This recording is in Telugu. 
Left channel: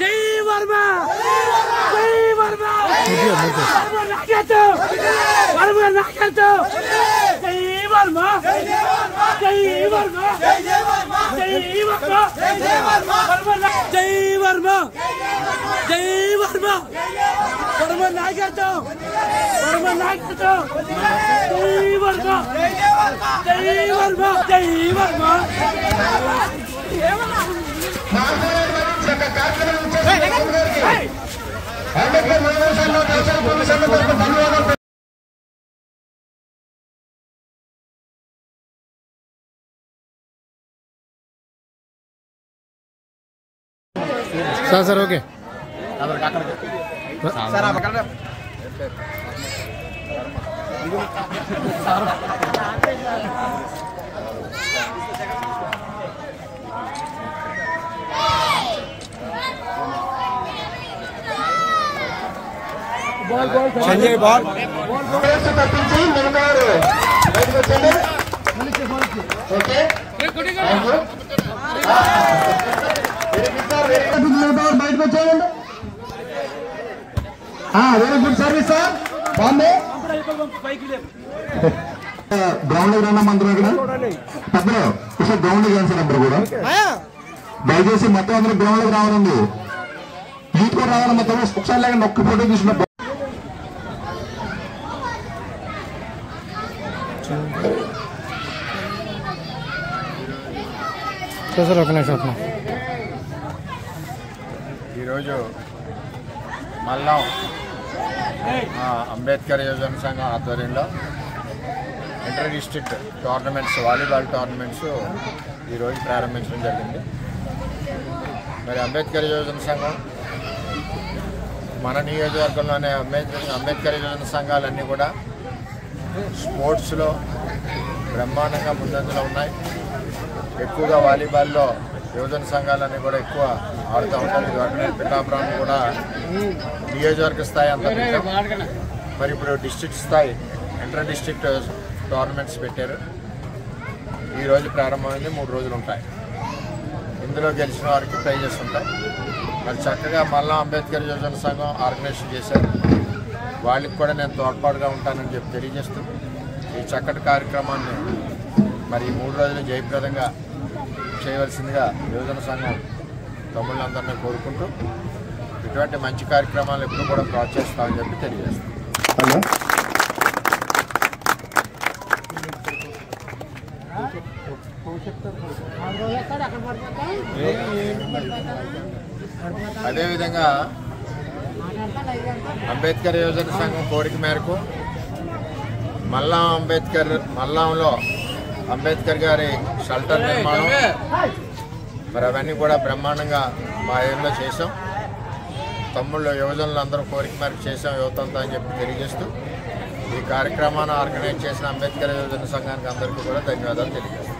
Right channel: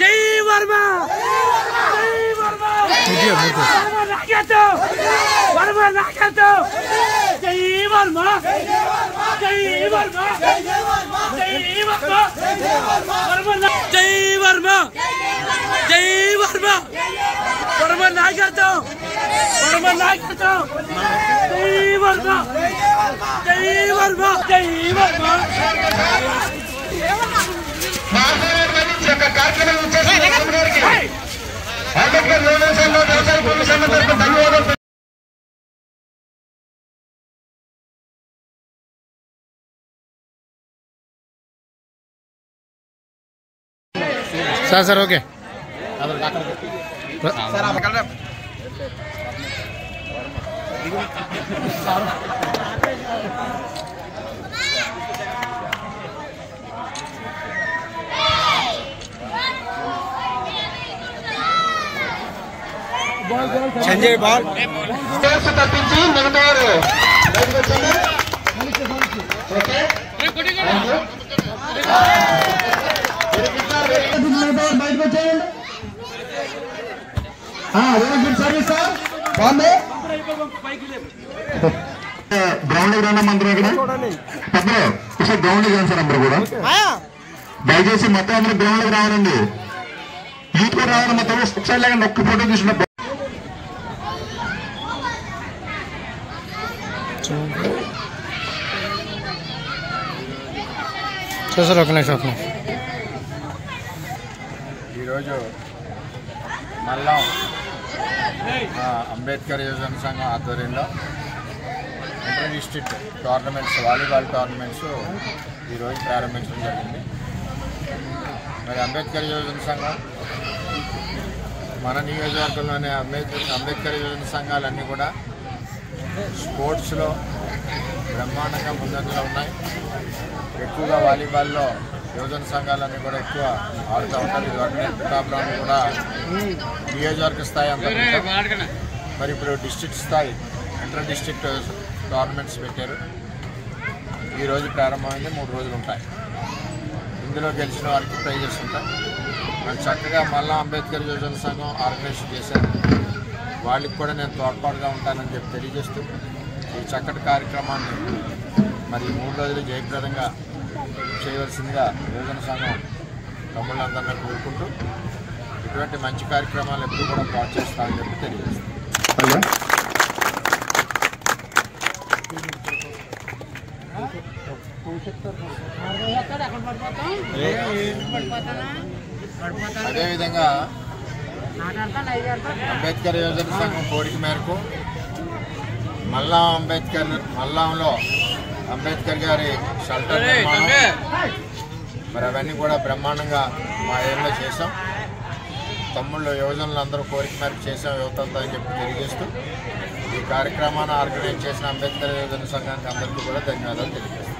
జై వర్మ జై వర్మ వర్మ నాయకత్వం జై వర్మ జై వర్మ జై వర్మ జై వర్మ జై వర్మ వర్మ నాయకత్వం వర్మ నాయకత్వం జై వర్మ జై వర్మ జై వర్మ అంబేద్కర్ ధన్యవాదాలు. సార్ ఓకే సంజయ్ బాల్ తప్పించి నిలబడారు. ఓకే బయటకు వచ్చేయండి. Very good service sir. బాగుంది. గ్రౌండ్ లో రన్నా అందరూ ఇక్కడ పెద్దలు ఒకసారి గ్రౌండ్ లో చేయండి సార్. అందరూ కూడా దయచేసి మొత్తం అందరూ గ్రౌండ్ లోకి రావాలండి. యూత్ కూడా రావాలి. మొత్తం ఒకసారి లేక ఒక్క ఫోటో తీసుకున్న సార్ ఒక నిమిషం ఈరోజు మల్లం అంబేద్కర్ యువజన సంఘం ఆధ్వర్యంలో inter district tournaments volleyball tournaments ఈరోజు ప్రారంభించడం జరిగింది. మరి అంబేద్కర్ యువజన సంఘం మన నియోజకవర్గంలోనే అంబేద్కర్ యువజన సంఘాలన్నీ కూడా స్పోర్ట్స్లో బ్రహ్మాండంగా ముందంజలో ఉన్నాయి. ఎక్కువగా వాలీబాల్లో యువజన సంఘాలన్నీ కూడా ఎక్కువ ఆడుతూ ఉంటారు. ఇది వాటిని పిఠాపురం కూడా నియోజకవర్గ స్థాయి అంతా పెట్టాం. మరి ఇప్పుడు డిస్ట్రిక్ట్ స్థాయి ఇంటర్ డిస్ట్రిక్ట్ టోర్నమెంట్స్ పెట్టారు. ఈరోజు ప్రారంభమైంది. 3 రోజులు ఉంటాయి. ఇందులో గెలిచిన వారికి ప్రైజెస్ ఉంటాయి. మరి చక్కగా మళ్ళా అంబేద్కర్ యువజన సంఘం ఆర్గనైజేషన్ చేశారు. వాళ్ళకి కూడా నేను తోడ్పాటుగా ఉంటానని చెప్పి తెలియజేస్తూ ఈ చక్కటి కార్యక్రమాన్ని మరి 3 రోజులు జయప్రదంగా చేయవలసిందిగా యువజన సంఘం తమ్ముళ్ళందరినీ కోరుకుంటూ ఇటువంటి మంచి కార్యక్రమాలు ఎప్పుడు కూడా ప్రోత్సహిస్తామని చెప్పి తెలియజేస్తాం. అదేవిధంగా అంబేద్కర్ యువజన సంఘం కోరిక మేరకు మల్లాంలో అంబేద్కర్ గారి షెల్టర్ నిర్మాణం మరి అవన్నీ కూడా బ్రహ్మాండంగా మా ఏరియాలో చేసాం. తమ్ముళ్ళు యువజనులు అందరూ కోరిక మేరకు చేసాం యువతంతా అని చెప్పి తెలియజేస్తూ ఈ కార్యక్రమాన్ని ఆర్గనైజ్ చేసిన అంబేద్కర్ యువజన సంఘానికి అందరికీ కూడా ధన్యవాదాలు తెలియజేస్తాం.